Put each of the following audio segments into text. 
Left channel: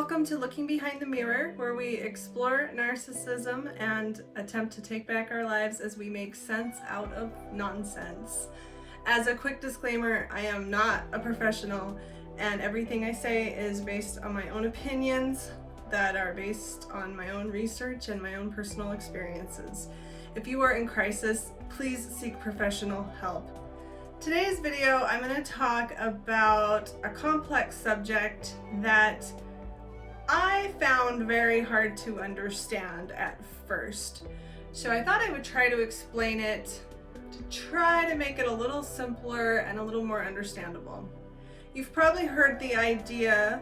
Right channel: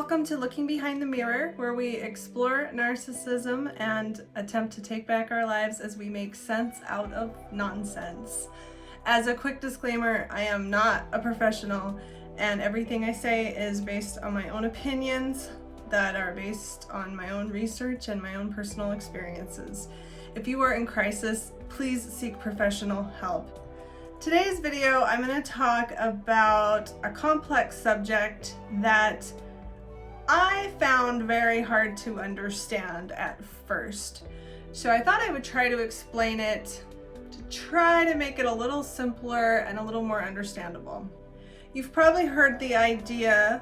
Welcome to Looking Behind the Mirror, where we explore narcissism and attempt to take back our lives as we make sense out of nonsense. As a quick disclaimer, I am not a professional, and everything I say is based on my own opinions that are based on my own research and my own personal experiences. If you are in crisis, please seek professional help. Today's video, I'm going to talk about a complex subject that I found very hard to understand at first. So I thought I would try to explain it to try to make it a little simpler and a little more understandable. You've probably heard the idea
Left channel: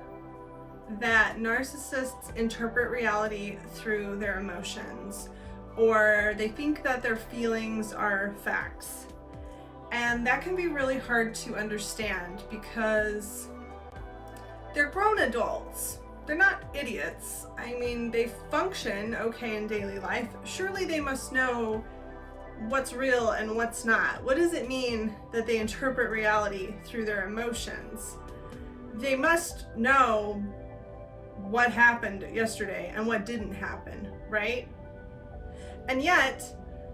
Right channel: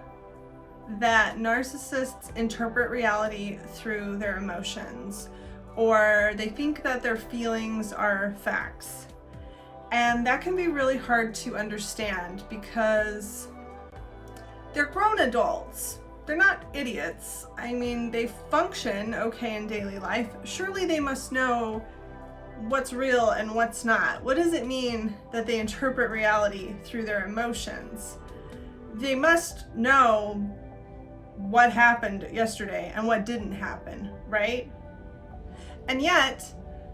that narcissists interpret reality through their emotions, or they think that their feelings are facts. And that can be really hard to understand because they're grown adults. They're not idiots. I mean, they function okay in daily life. Surely they must know what's real and what's not. What does it mean that they interpret reality through their emotions? They must know what happened yesterday and what didn't happen, right? And yet,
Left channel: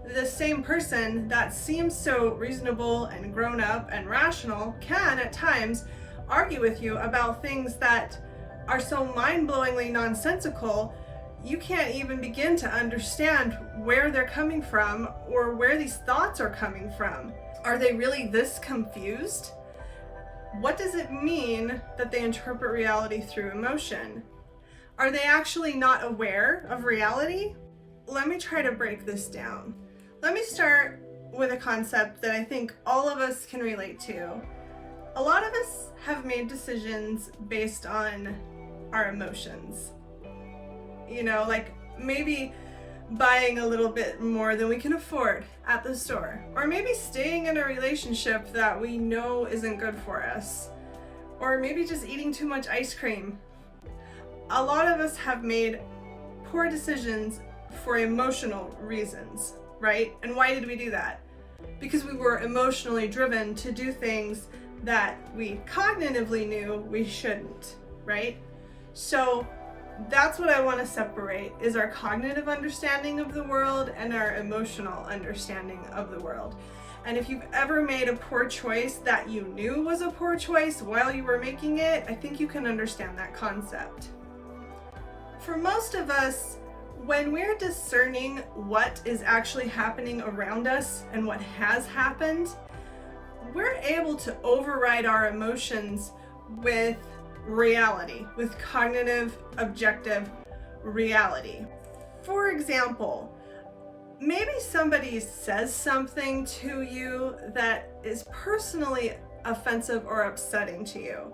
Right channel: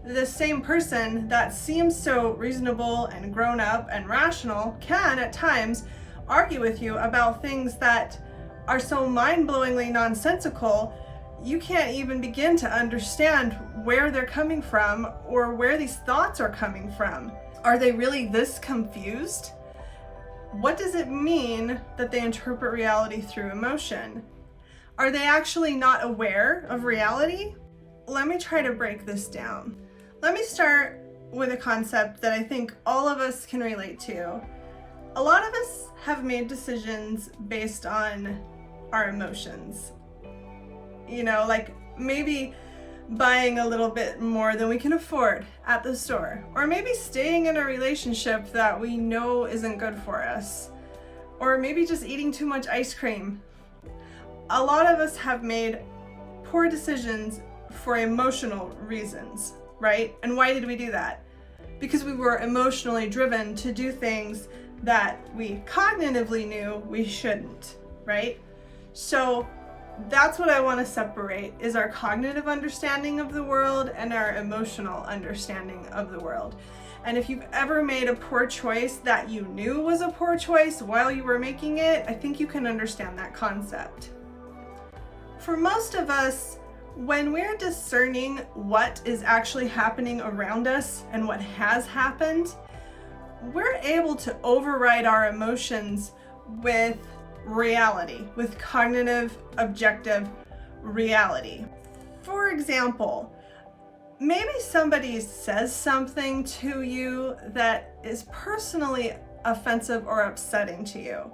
the same person that seems so reasonable and grown up and rational can at times argue with you about things that are so mind-blowingly nonsensical you can't even begin to understand where they're coming from or where these thoughts are coming from. Are they really this confused? What does it mean that they interpret reality through emotion? Are they actually not aware of reality? Let me try to break this down. Let me start with a concept that I think all of us can relate to. A lot of us have made decisions based on our emotions. You know, like maybe buying a little bit more than we can afford at the store, or maybe staying in a relationship that we know isn't good for us, or maybe just eating too much ice cream. A lot of us have made poor decisions for emotional reasons, right? And why did we do that? Because we were emotionally driven to do things that we cognitively knew we shouldn't, right? So that's what I want to separate, is our cognitive understanding of the world and our emotional understanding of the world. And if you've ever made a poor choice that you knew was a poor choice while you were making it, I think you can understand that concept. For most of us, when we're discerning what is actually happening around us and what has happened, we're able to override our emotions with reality, with cognitive, objective reality. For example, maybe somebody says something to you that is personally offensive or upsetting to you,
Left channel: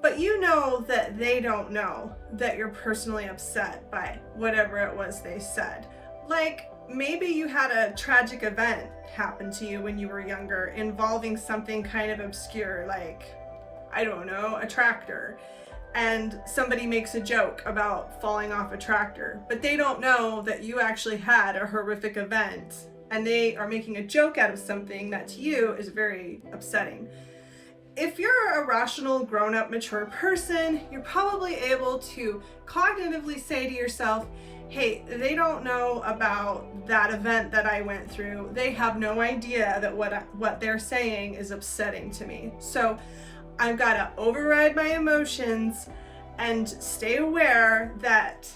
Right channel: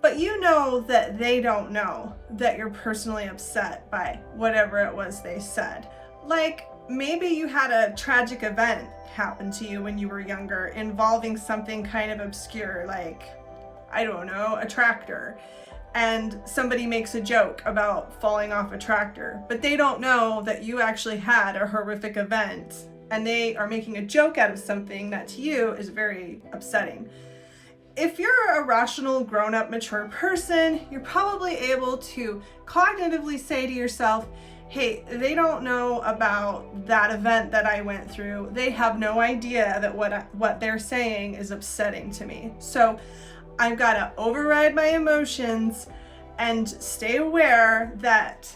but you know that they don't know that you're personally upset by whatever it was they said. Like maybe you had a tragic event happen to you when you were younger involving something kind of obscure, like, I don't know, a tractor, and somebody makes a joke about falling off a tractor, but they don't know that you actually had a horrific event and they are making a joke out of something that to you is very upsetting. If you're a rational, grown-up, mature person, you're probably able to cognitively say to yourself, hey, they don't know about that event that I went through. They have no idea that what they're saying is upsetting to me. So I've got to override my emotions and stay aware that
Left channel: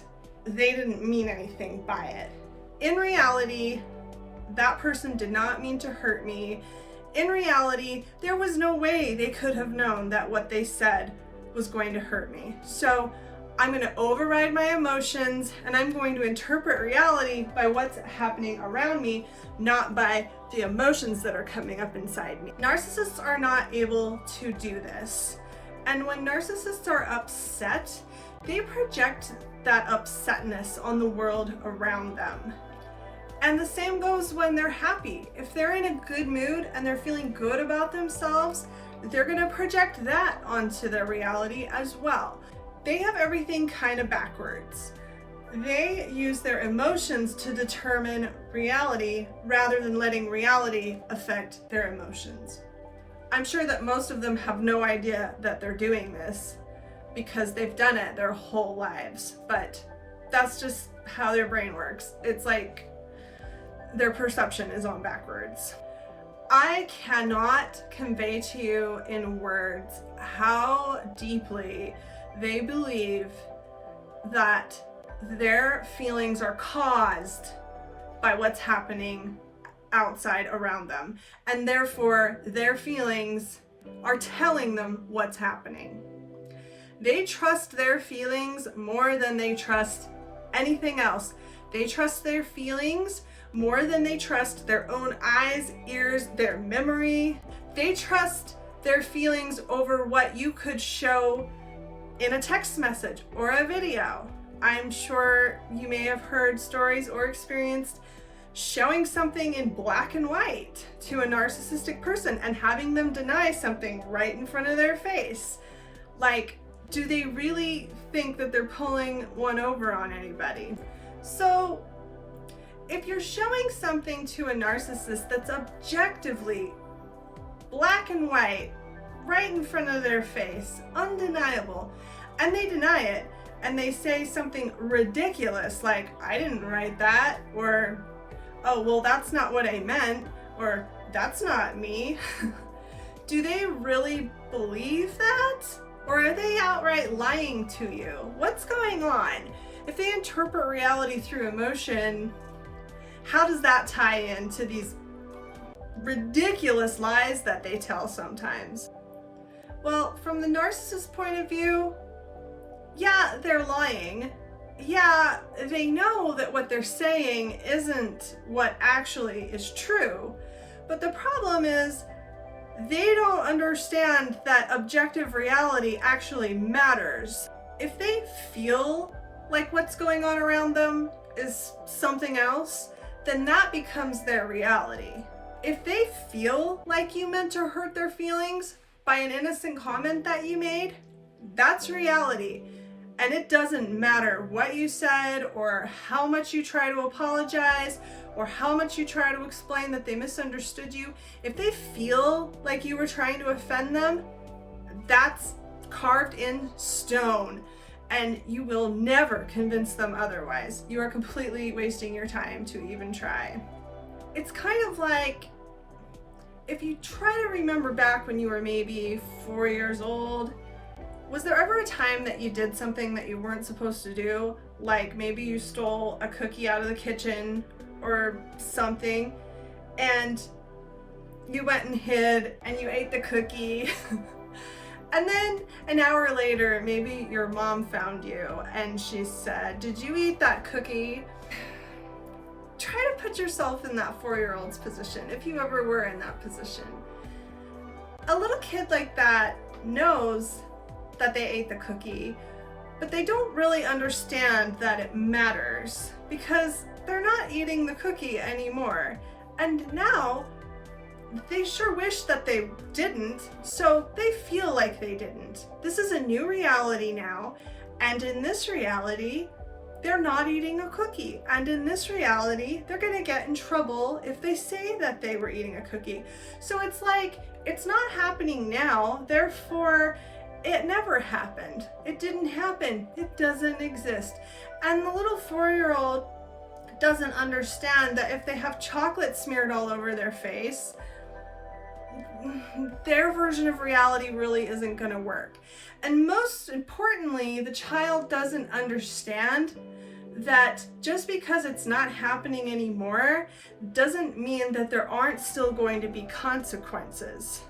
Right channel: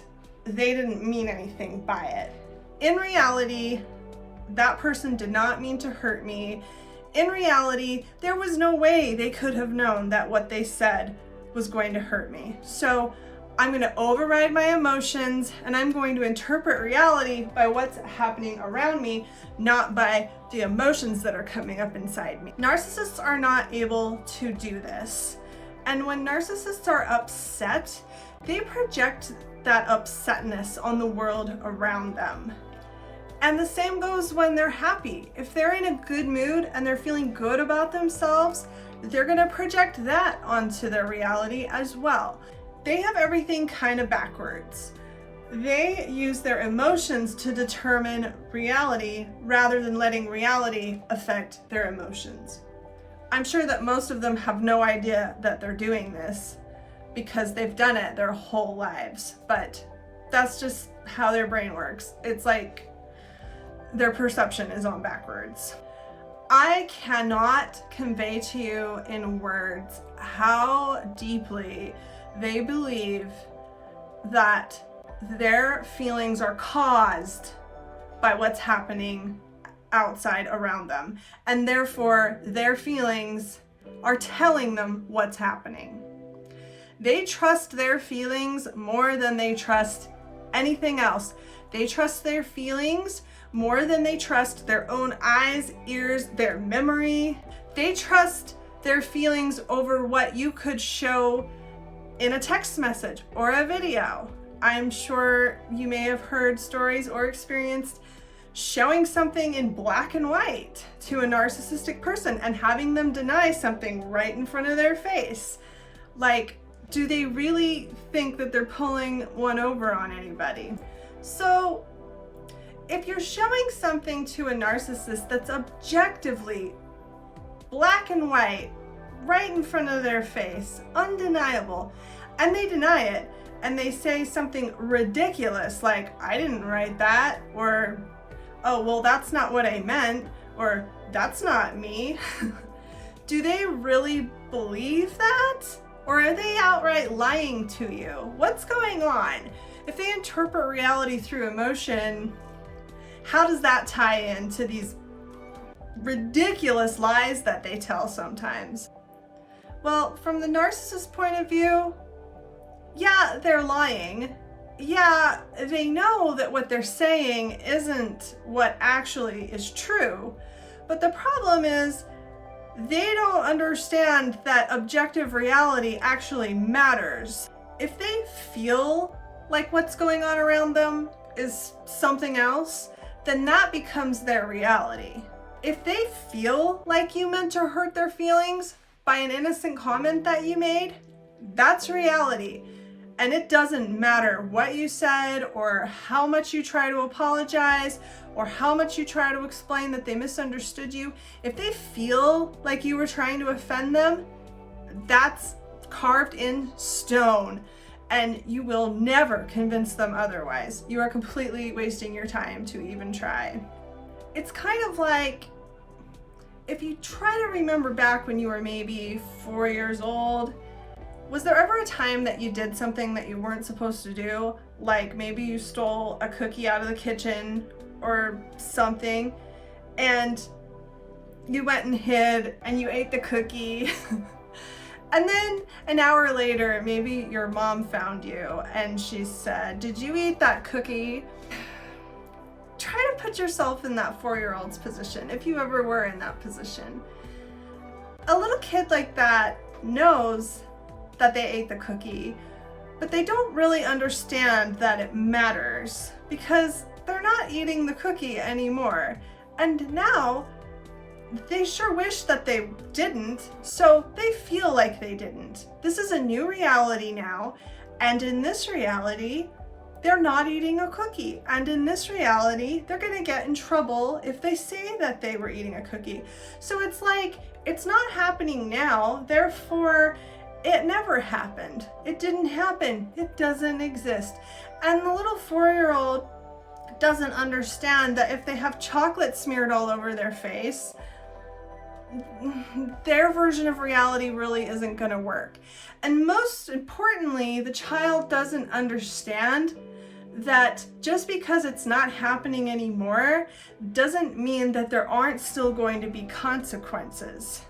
they didn't mean anything by it. In reality, that person did not mean to hurt me. In reality, there was no way they could have known that what they said was going to hurt me. So I'm going to override my emotions and I'm going to interpret reality by what's happening around me, not by the emotions that are coming up inside me. Narcissists are not able to do this. And when narcissists are upset, they project that upsetness on the world around them. And the same goes when they're happy. If they're in a good mood and they're feeling good about themselves, they're going to project that onto their reality as well. They have everything kind of backwards. They use their emotions to determine reality rather than letting reality affect their emotions. I'm sure that most of them have no idea that they're doing this, because they've done it their whole lives. But that's just how their brain works. It's like their perception is on backwards. I cannot convey to you in words how deeply they believe that their feelings are caused by what's happening outside around them, and therefore their feelings are telling them what's happening. They trust their feelings more than they trust anything else. They trust their feelings more than they trust their own eyes, ears, their memory. They trust their feelings over what you could show in a text message or a video. I'm sure you may have heard stories or experienced showing something in black and white to a narcissistic person and having them deny something right in front of their face. Like, do they really think that they're pulling one over on anybody? So, if you're showing something to a narcissist that's objectively black and white, right in front of their face, undeniable, and they deny it, and they say something ridiculous like, I didn't write that, or, oh, well, that's not what I meant, or that's not me. Do they really believe that? Or are they outright lying to you? What's going on? If they interpret reality through emotion, how does that tie into these ridiculous lies that they tell sometimes? Well, from the narcissist point of view, yeah, they're lying. Yeah, they know that what they're saying isn't what actually is true. But the problem is, they don't understand that objective reality actually matters. If they feel like what's going on around them is something else, then that becomes their reality. If they feel like you meant to hurt their feelings by an innocent comment that you made, that's reality. And it doesn't matter what you said or how much you try to apologize or how much you try to explain that they misunderstood you. If they feel like you were trying to offend them, that's carved in stone, and you will never convince them otherwise. You are completely wasting your time to even try. It's kind of like if you try to remember back when you were maybe 4 years old, was there ever a time that you did something that you weren't supposed to do? Like maybe you stole a cookie out of the kitchen or something, and you went and hid and you ate the cookie. And then an hour later, maybe your mom found you and she said, "Did you eat that cookie?" Try to put yourself in that 4-year-old's position, if you ever were in that position. A little kid like that knows that they ate the cookie, but they don't really understand that it matters because they're not eating the cookie anymore. And now they sure wish that they didn't, so they feel like they didn't. This is a new reality now, and in this reality, they're not eating a cookie. And in this reality, they're gonna get in trouble if they say that they were eating a cookie. So it's like, it's not happening now, therefore it never happened. It didn't happen. It doesn't exist. And the little 4-year-old doesn't understand that if they have chocolate smeared all over their face, their version of reality really isn't going to work. And most importantly, the child doesn't understand that just because it's not happening anymore doesn't mean that there aren't still going to be consequences.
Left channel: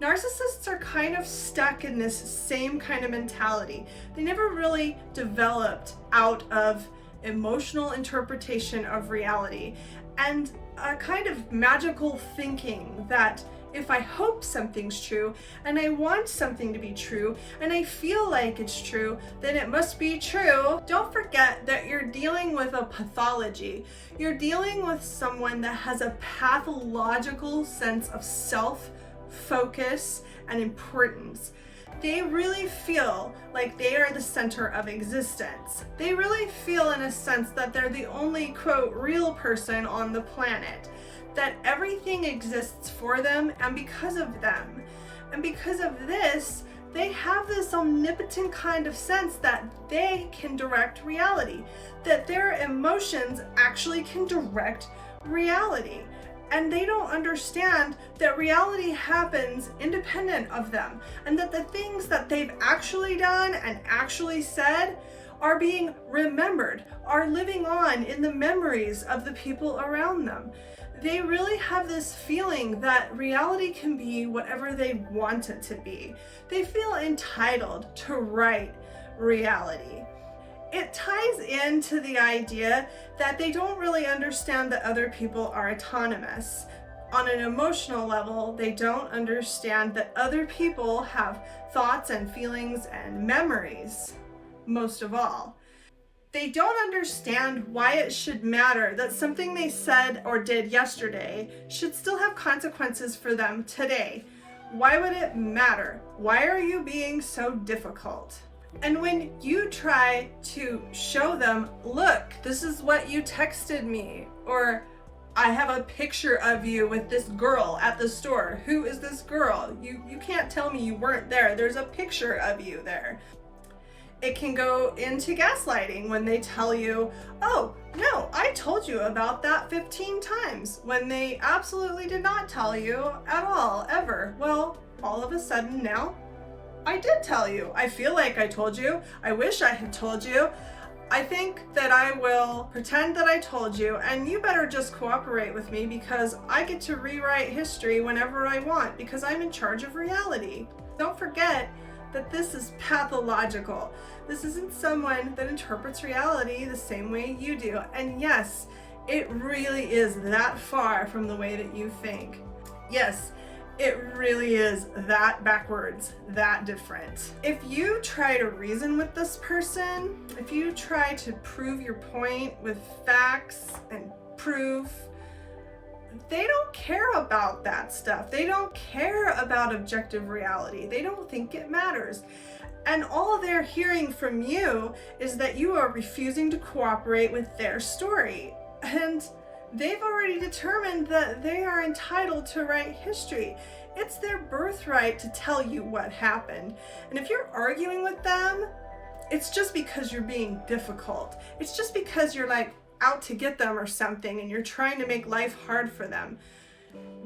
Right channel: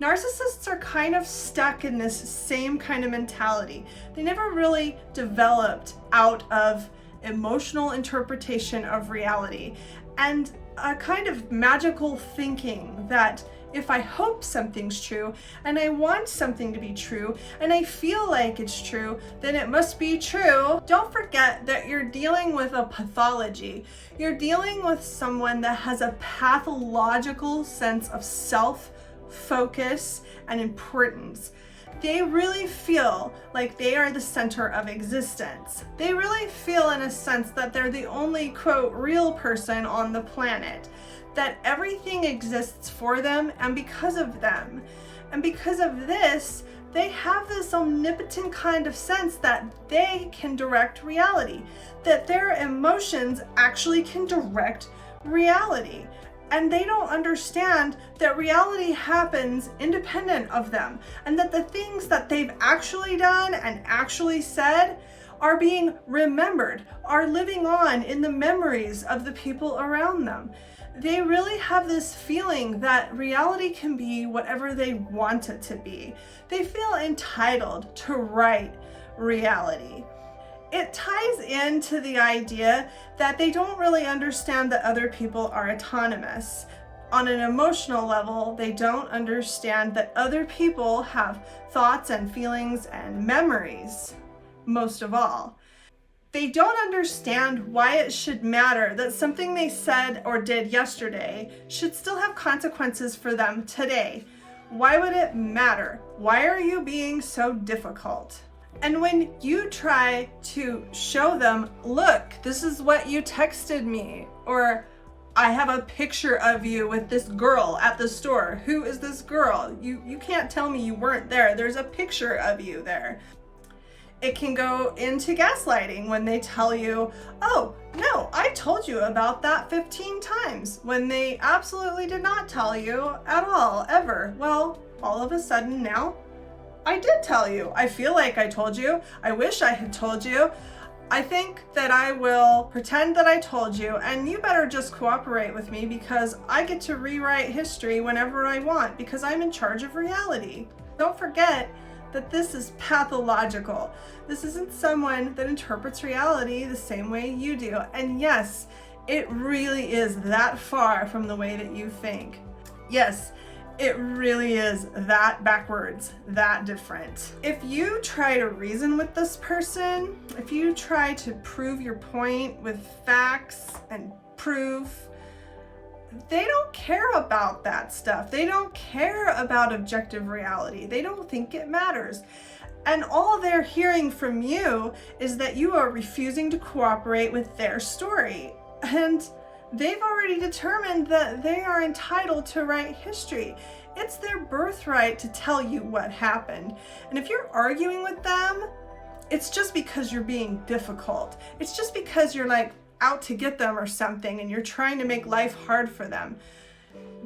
Narcissists are kind of stuck in this same kind of mentality. They never really developed out of emotional interpretation of reality and a kind of magical thinking that if I hope something's true and I want something to be true and I feel like it's true, then it must be true. Don't forget that you're dealing with a pathology. You're dealing with someone that has a pathological sense of self-focus and importance. They really feel like they are the center of existence. They really feel in a sense that they're the only, quote, real person on the planet, that everything exists for them and because of them. And because of this, They have this omnipotent kind of sense that they can direct reality, that their emotions actually can direct reality. And they don't understand that reality happens independent of them, and that the things that they've actually done and actually said are being remembered, are living on in the memories of the people around them. They really have this feeling that reality can be whatever they want it to be. They feel entitled to write reality. It ties into the idea that they don't really understand that other people are autonomous. On an emotional level, they don't understand that other people have thoughts and feelings and memories, most of all. They don't understand why it should matter that something they said or did yesterday should still have consequences for them today. Why would it matter? Why are you being so difficult? And when you try to show them, look, this is what you texted me, or I have a picture of you with this girl at the store. Who is this girl? You can't tell me you weren't there. There's a picture of you there. It can go into gaslighting when they tell you, oh, no, I told you about that 15 times, when they absolutely did not tell you at all, ever. Well, all of a sudden now, I did tell you. I feel like I told you. I wish I had told you. I think that I will pretend that I told you, and you better just cooperate with me because I get to rewrite history whenever I want because I'm in charge of reality. Don't forget that this is pathological. This isn't someone that interprets reality the same way you do. And yes, it really is that far from the way that you think. Yes, it really is that backwards, that different. If you try to reason with this person, if you try to prove your point with facts and proof, they don't care about that stuff. They don't care about objective reality. They don't think it matters. And all they're hearing from you is that you are refusing to cooperate with their story. And they've already determined that they are entitled to write history. It's their birthright to tell you what happened. And if you're arguing with them, it's just because you're being difficult. It's just because you're like out to get them or something and you're trying to make life hard for them.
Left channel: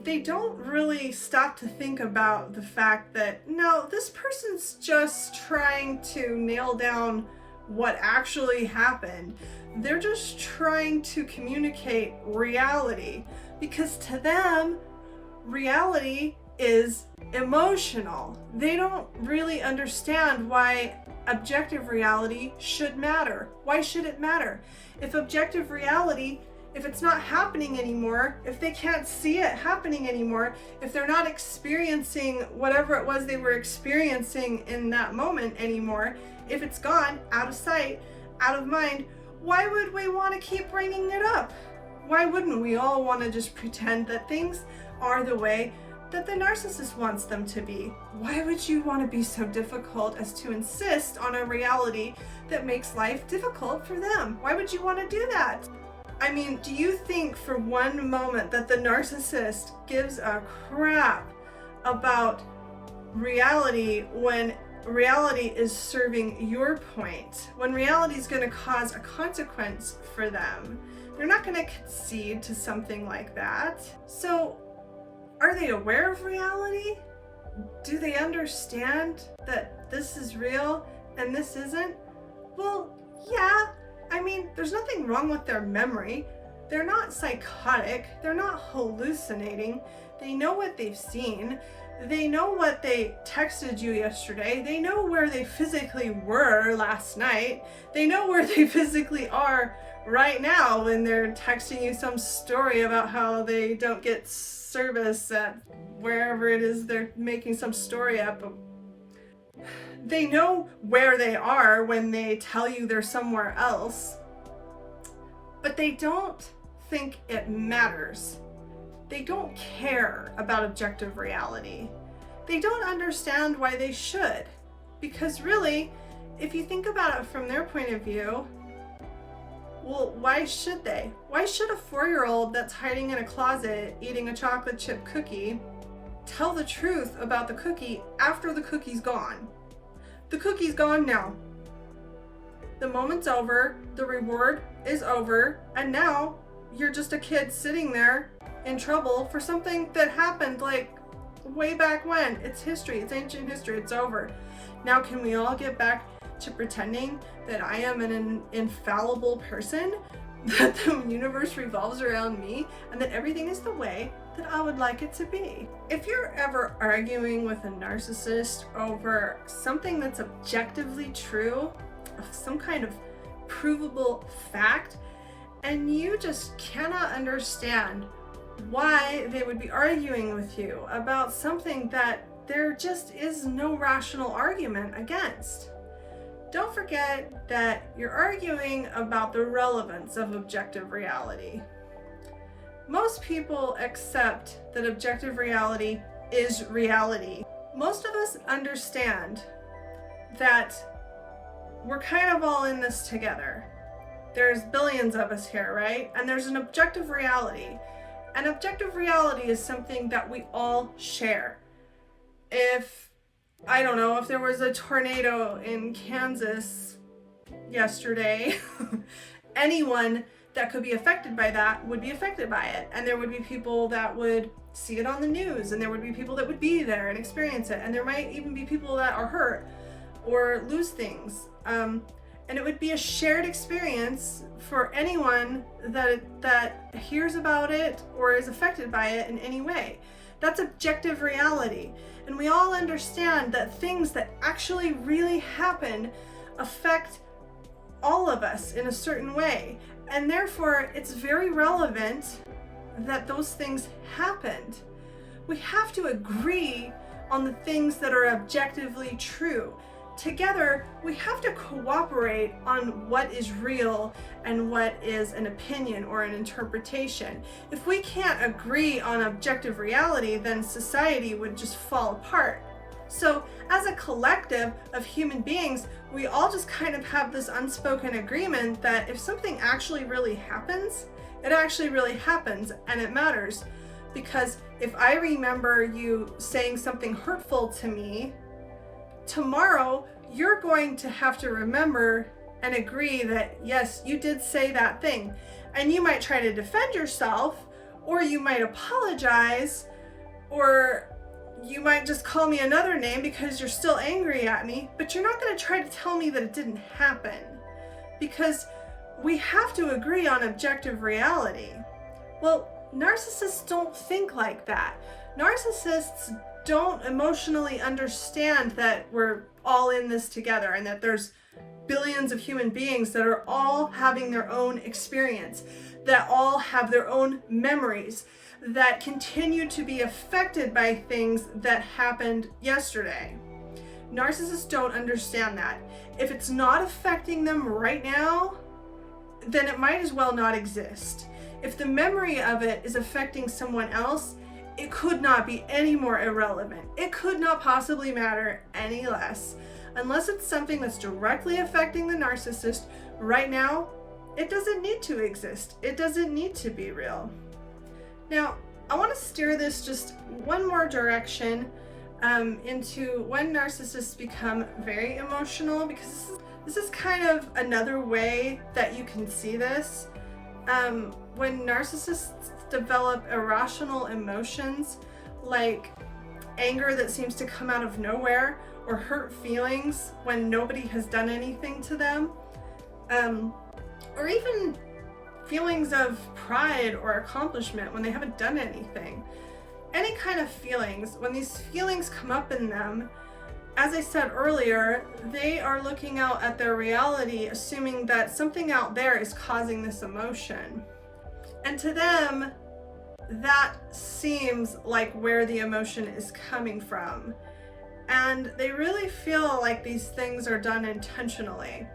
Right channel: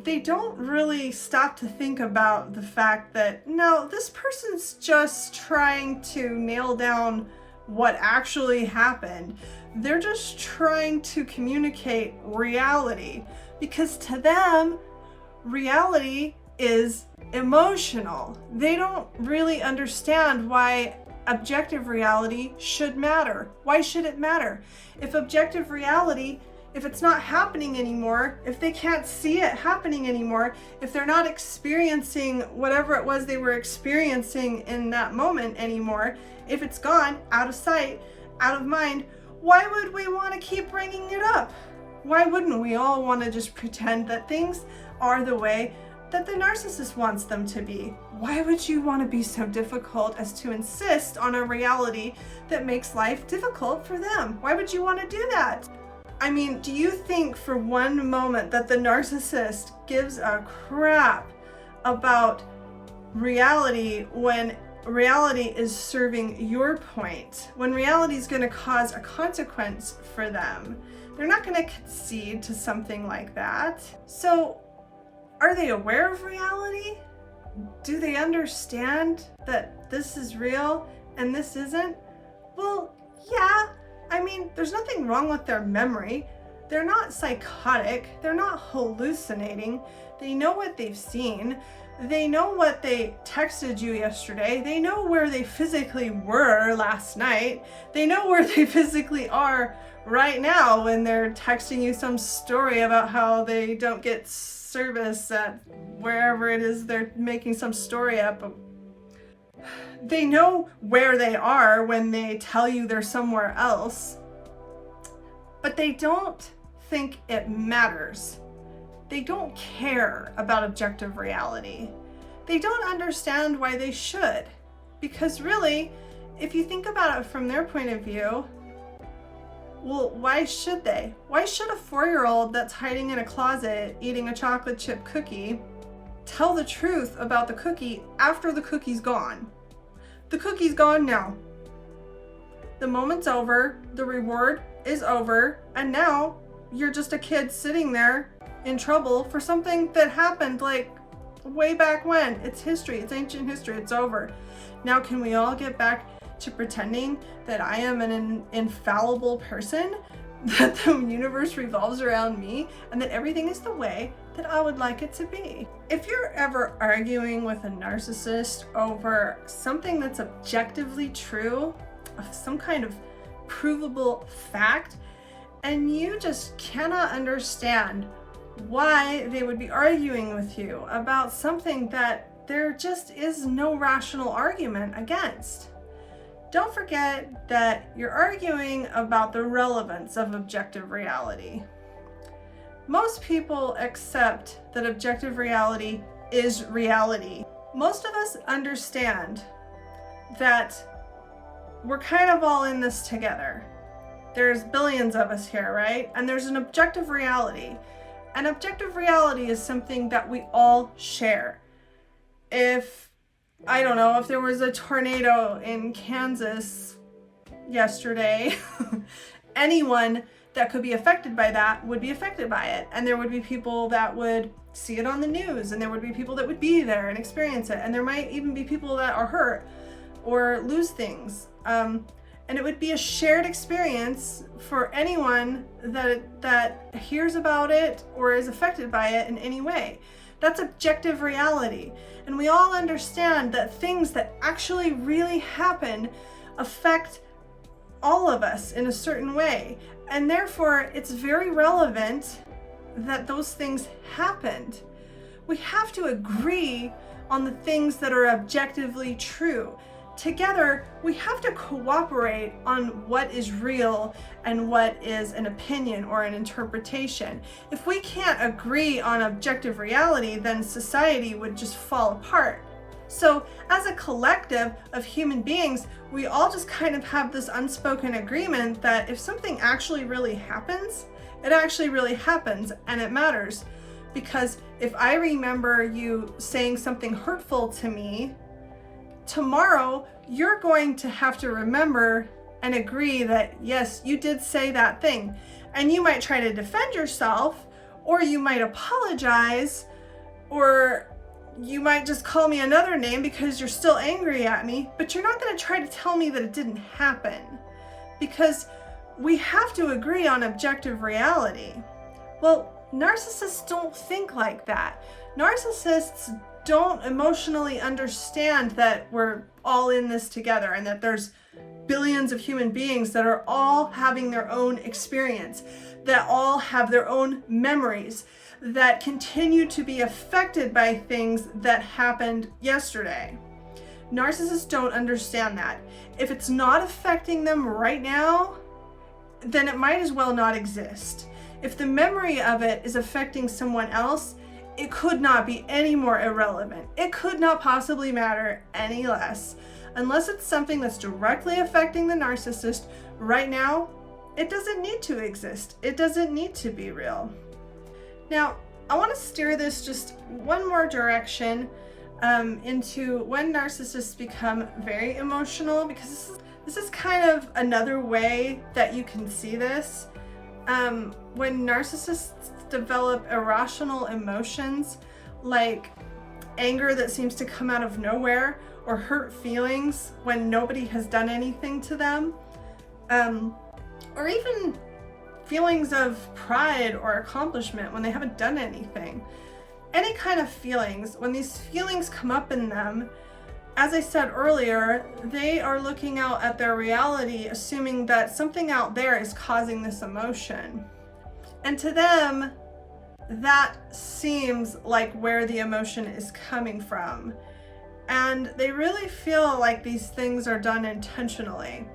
They don't really stop to think about the fact that, no, this person's just trying to nail down what actually happened. They're just trying to communicate reality because to them, reality is emotional. They don't really understand why objective reality should matter. Why should it matter? If objective reality, if it's not happening anymore, if they can't see it happening anymore, if they're not experiencing whatever it was they were experiencing in that moment anymore, if it's gone, out of sight, out of mind, why would we want to keep bringing it up? Why wouldn't we all want to just pretend that things are the way that the narcissist wants them to be? Why would you want to be so difficult as to insist on a reality that makes life difficult for them? Why would you want to do that? I mean, do you think for one moment that the narcissist gives a crap about reality when reality is serving your point? When reality is going to cause a consequence for them? They're not going to concede to something like that. So, are they aware of reality? Do they understand that this is real and this isn't? Well, yeah. I mean, there's nothing wrong with their memory. They're not psychotic. They're not hallucinating. They know what they've seen. They know what they texted you yesterday. They know where they physically were last night. They know where they physically are right now when they're texting you some story about how they don't get service at wherever it is they're making some story up. They know where they are when they tell you they're somewhere else, but they don't think it matters. They don't care about objective reality. They don't understand why they should, because really, if you think about it from their point of view, well, why should they? Why should a 4-year-old that's hiding in a closet eating a chocolate chip cookie tell the truth about the cookie after the cookie's gone. The cookie's gone now. The moment's over, the reward is over, and now you're just a kid sitting there in trouble for something that happened like way back when. It's history, it's ancient history, it's over. Now can we all get back to pretending that I am an infallible person, that the universe revolves around me, and that everything is the way that I would like it to be? If you're ever arguing with a narcissist over something that's objectively true, some kind of provable fact, and you just cannot understand why they would be arguing with you about something that there just is no rational argument against, don't forget that you're arguing about the relevance of objective reality. Most people accept that objective reality is reality. Most of us understand that we're kind of all in this together. There's billions of us here, right? And there's an objective reality. And objective reality is something that we all share. If, I don't know, if there was a tornado in Kansas yesterday, anyone that could be affected by that would be affected by it. And there would be people that would see it on the news, and there would be people that would be there and experience it. And there might even be people that are hurt or lose things. And it would be a shared experience for anyone that hears about it or is affected by it in any way. That's objective reality. And we all understand that things that actually really happen affect all of us in a certain way. And therefore, it's very relevant that those things happened. We have to agree on the things that are objectively true. Together, we have to cooperate on what is real and what is an opinion or an interpretation. If we can't agree on objective reality, then society would just fall apart. So, as a collective of human beings, we all just kind of have this unspoken agreement that if something actually really happens, it actually really happens, and it matters. Because if I remember you saying something hurtful to me, tomorrow you're going to have to remember and agree that yes, you did say that thing. And you might try to defend yourself, or you might apologize, or you might just call me another name because you're still angry at me, but you're not going to try to tell me that it didn't happen, because we have to agree on objective reality. Well, narcissists don't think like that. Narcissists don't emotionally understand that we're all in this together and that there's billions of human beings that are all having their own experience, that all have their own memories, that continue to be affected by things that happened yesterday. Narcissists don't understand that. If it's not affecting them right now, then it might as well not exist. If the memory of it is affecting someone else, it could not be any more irrelevant. It could not possibly matter any less. Unless it's something that's directly affecting the narcissist right now, it doesn't need to exist. It doesn't need to be real. Now, I want to steer this just one more direction into when narcissists become very emotional, because this is kind of another way that you can see this. When narcissists develop irrational emotions like anger that seems to come out of nowhere, or hurt feelings when nobody has done anything to them, or even feelings of pride or accomplishment when they haven't done anything. Any kind of feelings, when these feelings come up in them, as I said earlier, they are looking out at their reality, assuming that something out there is causing this emotion. And to them, that seems like where the emotion is coming from. And they really feel like these things are done intentionally.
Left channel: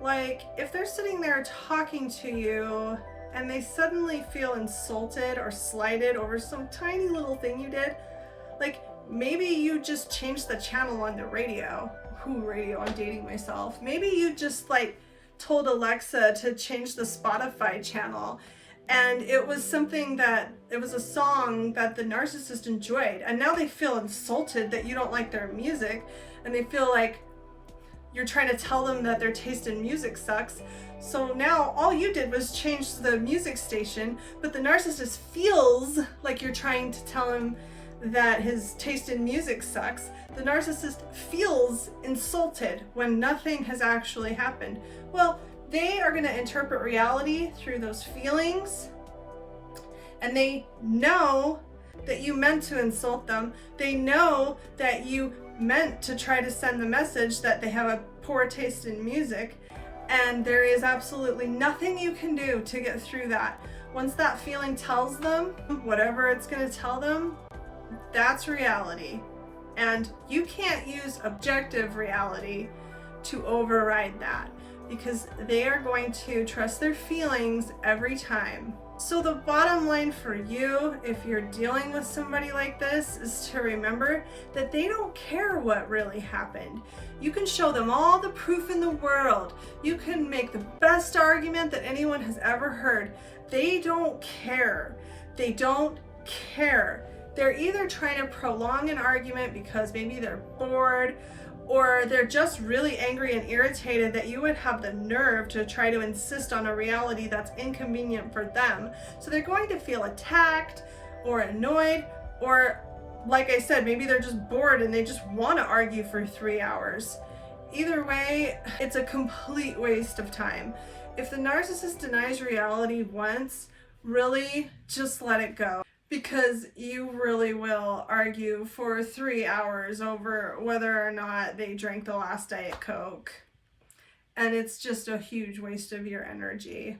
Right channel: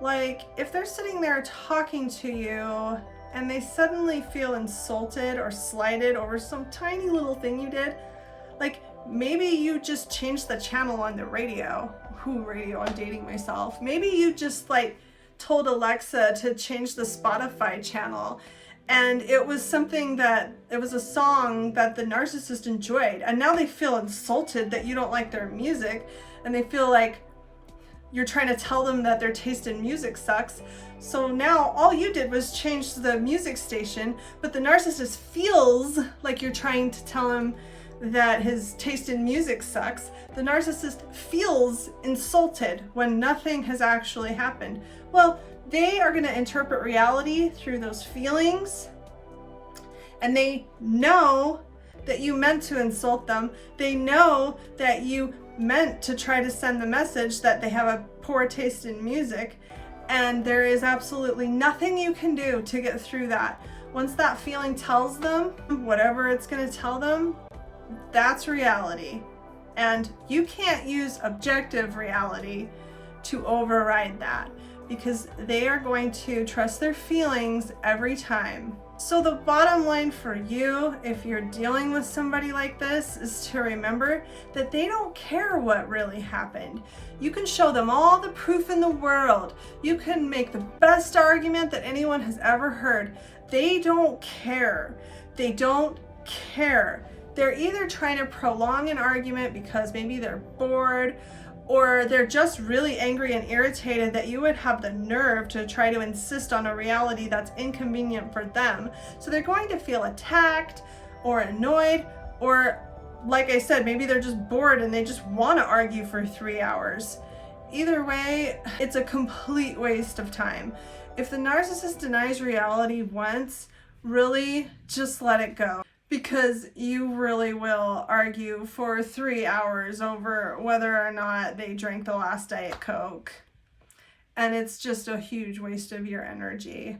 Like, if they're sitting there talking to you and they suddenly feel insulted or slighted over some tiny little thing you did, like maybe you just changed the channel on the radio. I'm dating myself. Maybe you just like told Alexa to change the Spotify channel, And it was a song that the narcissist enjoyed. And now they feel insulted that you don't like their music, and they feel like you're trying to tell them that their taste in music sucks. So now all you did was change the music station, but the narcissist feels like you're trying to tell him that his taste in music sucks. The narcissist feels insulted when nothing has actually happened. Well, they are going to interpret reality through those feelings, and they know that you meant to insult them. They know that you meant to try to send the message that they have a poor taste in music, and there is absolutely nothing you can do to get through that. Once that feeling tells them whatever it's going to tell them, that's reality. And you can't use objective reality to override that, because they are going to trust their feelings every time. So the bottom line for you, if you're dealing with somebody like this, is to remember that they don't care what really happened. You can show them all the proof in the world. You can make the best argument that anyone has ever heard. They don't care. They don't care. They're either trying to prolong an argument because maybe they're bored, or they're just really angry and irritated that you would have the nerve to try to insist on a reality that's inconvenient for them. So they're going to feel attacked or annoyed, or like I said, maybe they're just bored and they just want to argue for 3 hours. Either way, it's a complete waste of time. If the narcissist denies reality once, really just let it go. Because you really will argue for 3 hours over whether or not they drank the last Diet Coke. And it's just a huge waste of your energy.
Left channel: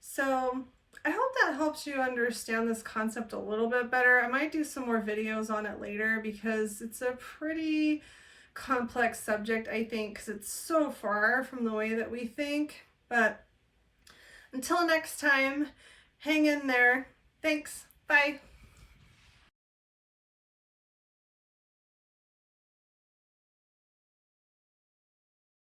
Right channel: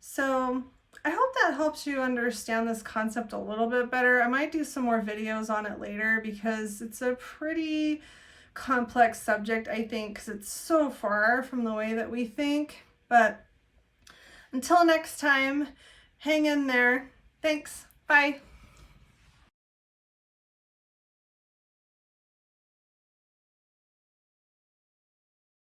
So I hope that helps you understand this concept a little bit better. I might do some more videos on it later, because it's a pretty complex subject, I think, because it's so far from the way that we think. But until next time, hang in there. Thanks. Bye.